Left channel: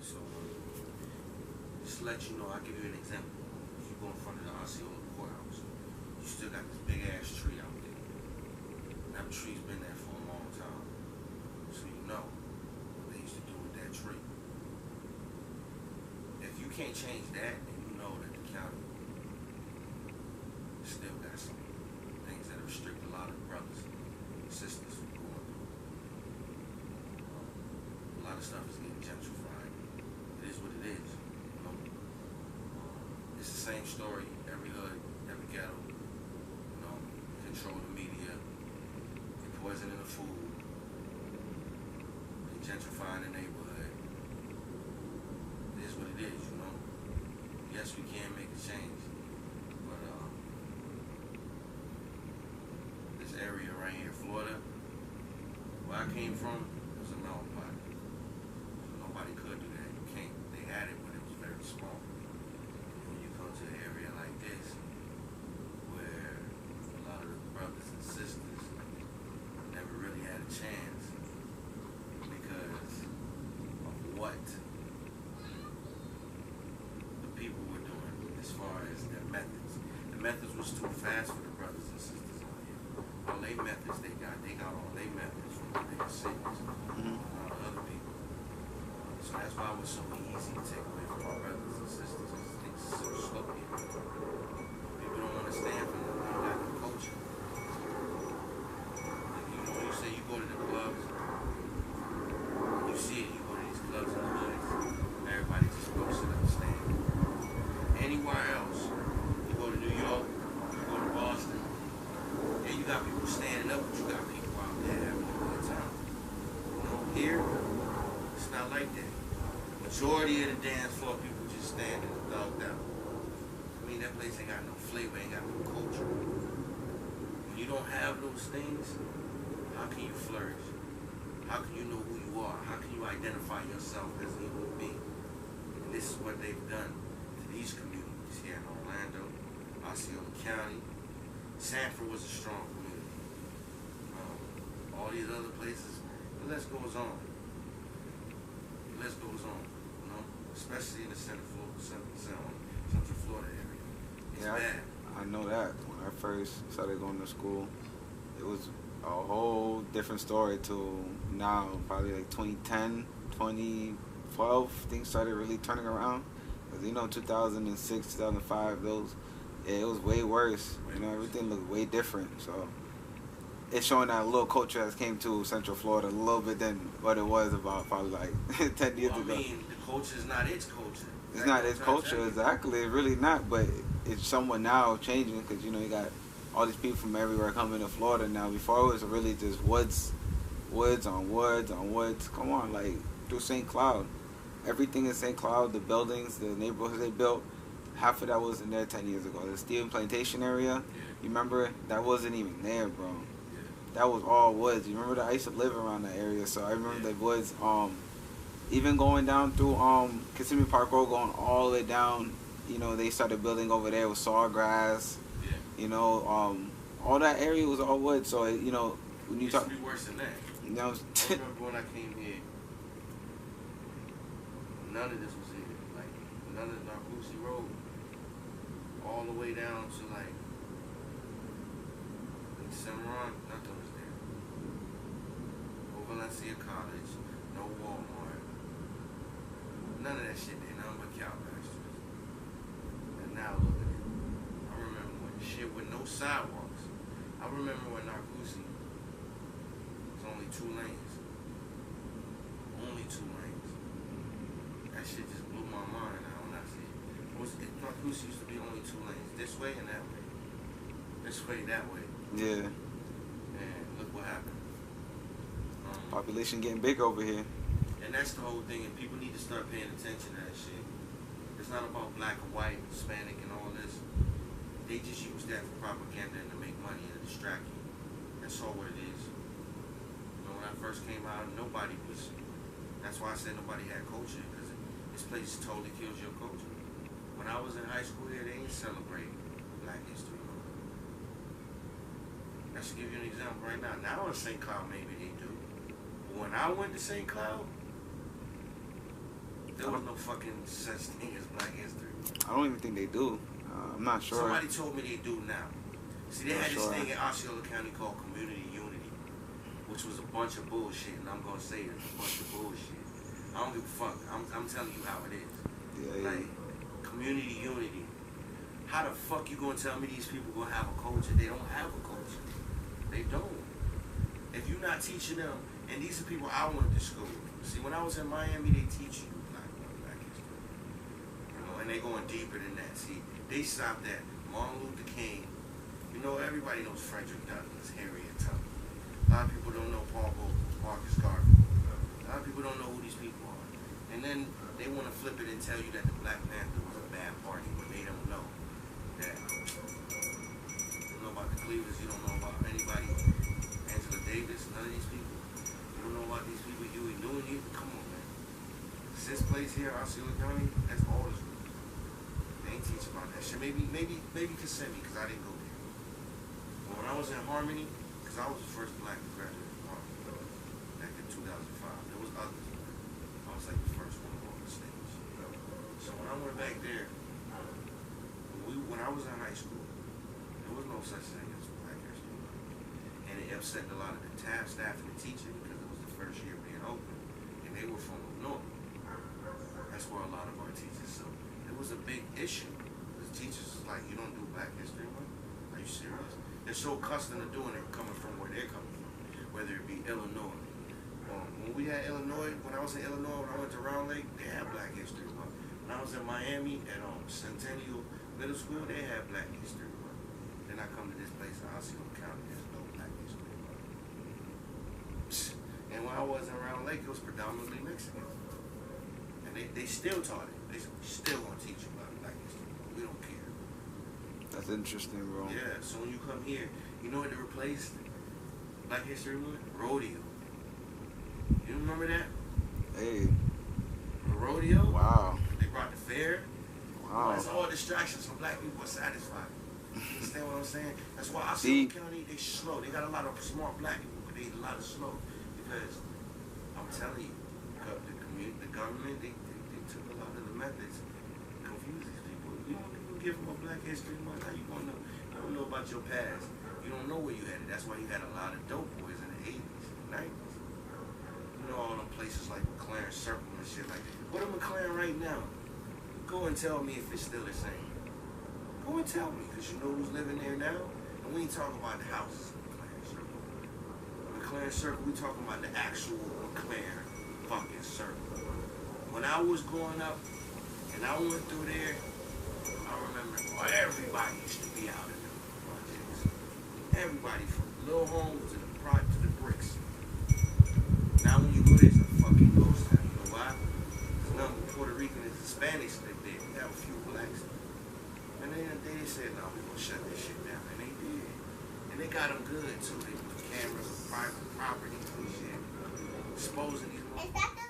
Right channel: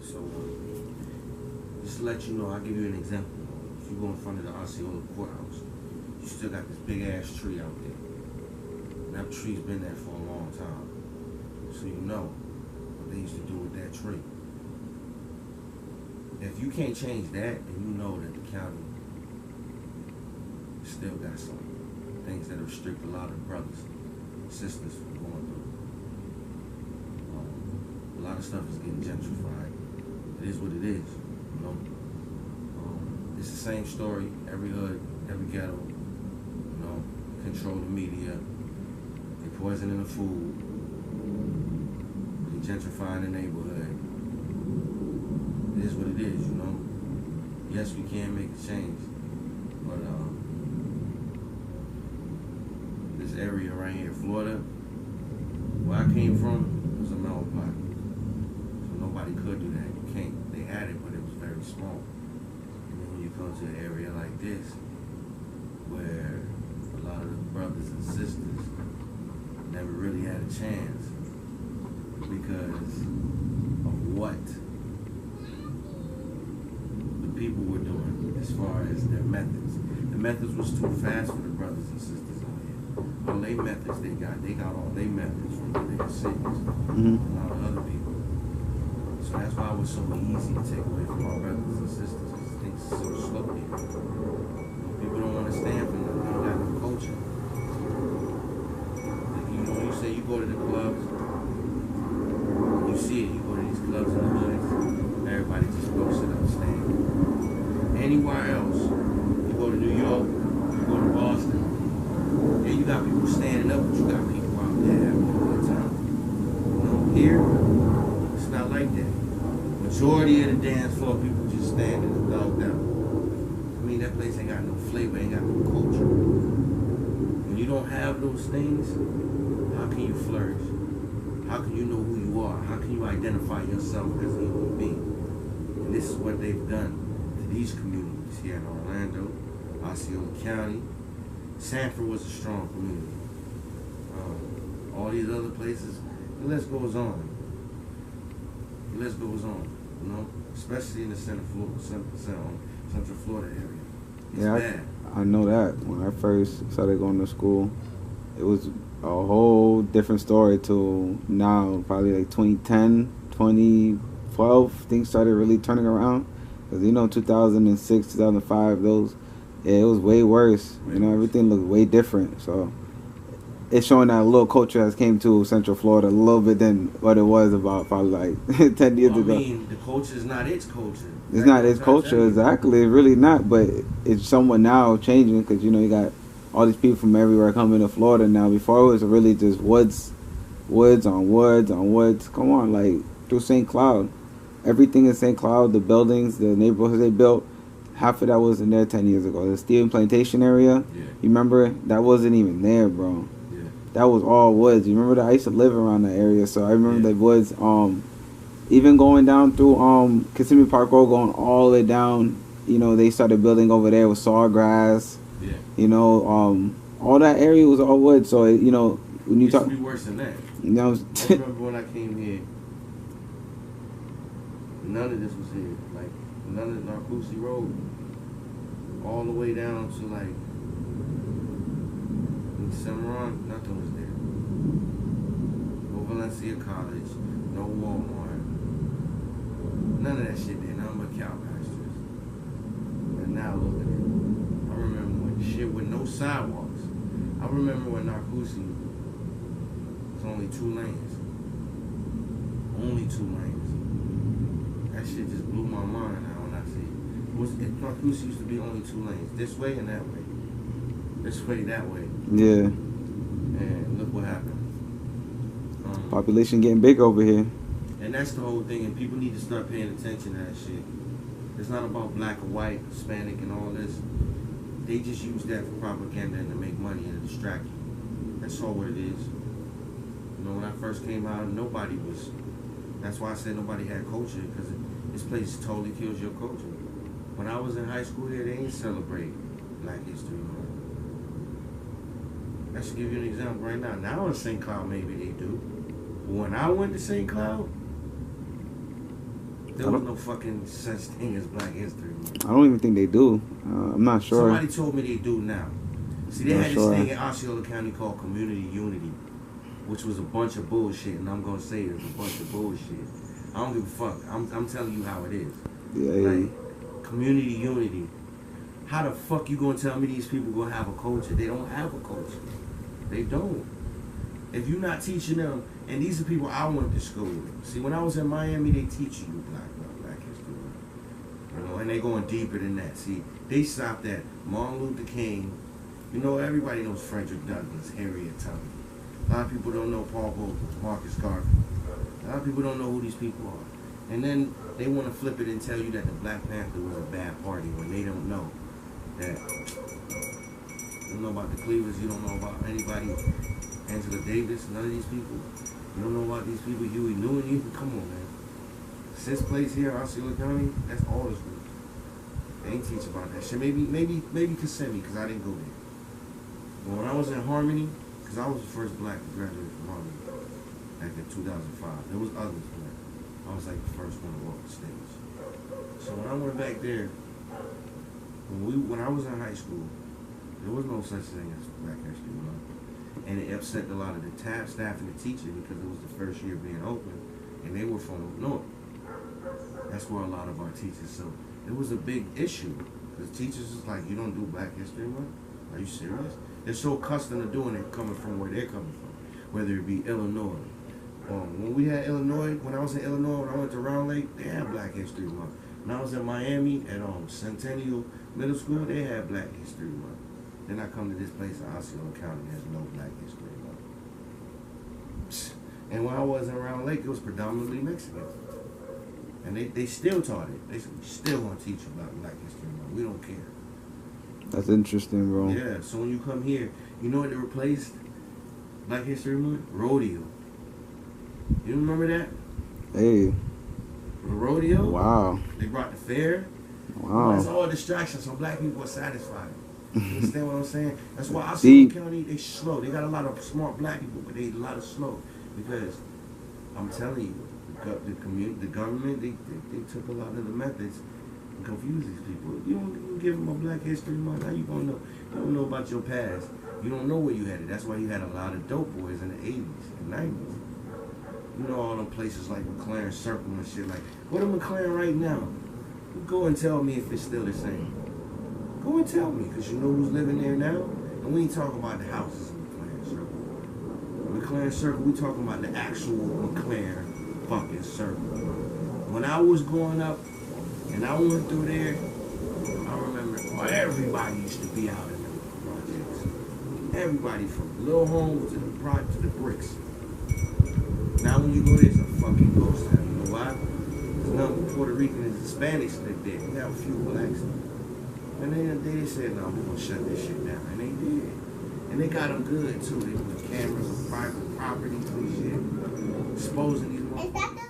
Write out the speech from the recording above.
So just to let you know, I'll give you an example. If you go in front of the Osceola courthouse, you still got this big ass tree out there. And that tree's been there for a long time. So you know what they used to do with that tree. If you can't change that, then you know that the county still got some things that restrict a lot of brothers and sisters from going through. A lot of stuff is getting gentrified. It is what it is, you know. It's the same story. Every hood, every ghetto, you know, control the media. They poisoning the food. They gentrifying the neighborhood. It is what it is, you know. Yes, we can make a change, but this area right here, Florida, where I came from, it was a melting pot. So nobody could do that. You can't. They had it, but it was very small. And then when you come to an area like this, where a lot of the brothers and sisters never really had a chance because of what the people were doing as far as their methods. The methods was too fast for the brothers and sisters out here. All they methods they got all their methods from the bigger cities and all the other people. So that's why it was so easy to take away from our brothers and sisters, because things are so slow here. You know, people don't want to stand for nothing. They don't got no culture. You know, when you say you go to the clubs, you see it, you go to these clubs in the hoods, everybody just goes sit up and stand. Anywhere else, you go to New York, you go to Boston, and you got people standing up, but you got people out there having a good time. You know, here, it's not like that. Majority of the dance floor, people just standing and thugged out. I mean, that place ain't got no flavor, ain't got no culture. When you don't have those things, how can you flourish? How can you know who you are? How can you identify yourself as a human being? And this is what they've done to these communities here in Orlando, Osceola County. Sanford was a strong community. All these other places, the list goes on. The list goes on, you know, especially in the Central Florida area. It's bad. I know that. When I first started going to school, it was a whole different story to now, probably like 2010, 2012, things started really turning around. Because, you know, 2006, 2005, it was way worse. Everything looked way different. So it's showing that a little culture has came to Central Florida a little bit than what it was about probably like 10 years ago. I mean, the culture is not its culture. It's not its culture, exactly. It's really not, but it's somewhat now changing because, you got all these people from everywhere coming to Florida now. Before it was really just woods on woods. Come on, like through St. Cloud. Everything in St. Cloud, the buildings, the neighborhoods they built, half of that wasn't there 10 years ago. The Stephen Plantation area, You remember? That wasn't even there, bro. Yeah. That was all woods. You remember that? I used to live around that area, so I remember the woods. Even going down through Kissimmee Park Road, going all the way down, they started building over there with sawgrass. Yeah. All that area was all wood. So, when you talk... It used to be worse than that. I remember when I came here, none of this was here. Like, none of Narcoossee Road, all the way down to, like, in Cimarron, nothing was there. No Valencia College, no Walmart. None of that shit there, nothing but cow pastures. And now look at it. I remember when shit with no sidewalks. I remember when Narcoossee was only 2 lanes. Only 2 lanes. That shit just blew my mind now when I see it. Narcoossee used to be only 2 lanes. This way and that way. This way, that way. Yeah. And look what happened. Population getting big over here. And that's the whole thing, and people need to start paying attention to that shit. It's not about black or white, Hispanic, and all this. They just use that for propaganda and to make money and to distract you. That's all what it is. When I first came out, nobody was... That's why I said nobody had culture, because this place totally kills your culture. When I was in high school here, they didn't celebrate Black History Month. I should give you an example right now. Now in St. Cloud, maybe they do. But when I went to St. Cloud, There was no fucking such thing as Black History Month. I don't even think they do. I'm not sure. Somebody told me they do now. See, they Not had sure. this thing in Osceola County called Community Unity, which was a bunch of bullshit, and I'm gonna say it's a bunch of bullshit. I don't give a fuck. I'm telling you how it is. Yeah, Like, community unity. How the fuck you gonna tell me these people gonna have a culture? They don't have a culture. They don't. If you're not teaching them, and these are people I went to school with. See, when I was in Miami, they teach you Black History. You know, and they going deeper than that. See, they stopped at Martin Luther King. You know, everybody knows Frederick Douglass, Harriet Tubman. A lot of people don't know Paul Volcker, Marcus Garvey. A lot of people don't know who these people are. And then they want to flip it and tell you that the Black Panther was a bad party when they don't know that. You don't know about the Cleavers. You don't know about anybody. Angela Davis. None of these people. You don't know about these people. Huey Newton. You come on, man. Sixth place here, Osceola County. That's all the schools. They ain't teach about that shit. Maybe Kissimmee, because I didn't go there. But when I was in Harmony, because I was the first black to graduate from Harmony back in 2005. There was others, but I was like the first one to walk the stage. So when I went back there, when I was in high school, there was no such thing as Black History Month. And it upset a lot of the staff and the teachers because it was the first year being open, and they were from the north. That's where a lot of our teachers. So it was a big issue because teachers was like, "You don't do Black History Month? Are you serious?" They're so accustomed to doing it coming from where they're coming from, whether it be Illinois. When we had Illinois, when I was in Illinois, when I went to Round Lake, they had Black History Month. When I was in Miami at Centennial Middle School, they had Black History Month. Then I come to this place in Osceola County, there's no Black History Month. And when I was in Round Lake, it was predominantly Mexican. And they still taught it. They said, "We still want to teach you about Black History Month. We don't care." That's interesting, bro. Yeah, so when you come here, you know what they replaced Black History Month? Rodeo. You remember that? Hey. The rodeo? Wow. They brought the fair. Wow. It's all distractions, so black people are satisfied. You understand what I'm saying? That's why See- Osceola County, they slow. They got a lot of smart black people, but they a lot of slow. Because I'm telling you, the government, they took a lot of the methods and confused these people. You don't give them a Black History Month. How you gonna know? You don't know about your past. You don't know where you had it. That's why you had a lot of dope boys in the 80s and 90s. You know all them places like McLaren Circle and shit. Like, go to McLaren right now. You go and tell me if it's still the same. Go and tell me, because you know who's living there now. And we ain't talking about the houses in McLaren Circle. McLaren Circle, we talking about the actual McLaren fucking Circle. When I was growing up and I went through there, I remember everybody used to be out in the projects. Everybody from little homes to the bricks. Now when you go there, it's a fucking ghost town. You know why? There's nothing but Puerto Rican and Hispanics live there. We have a few blacks. And they said, "No, we're gonna shut this shit down." And they did. And they got them good too. They put cameras on private properties and shit, exposing these motherfuckers.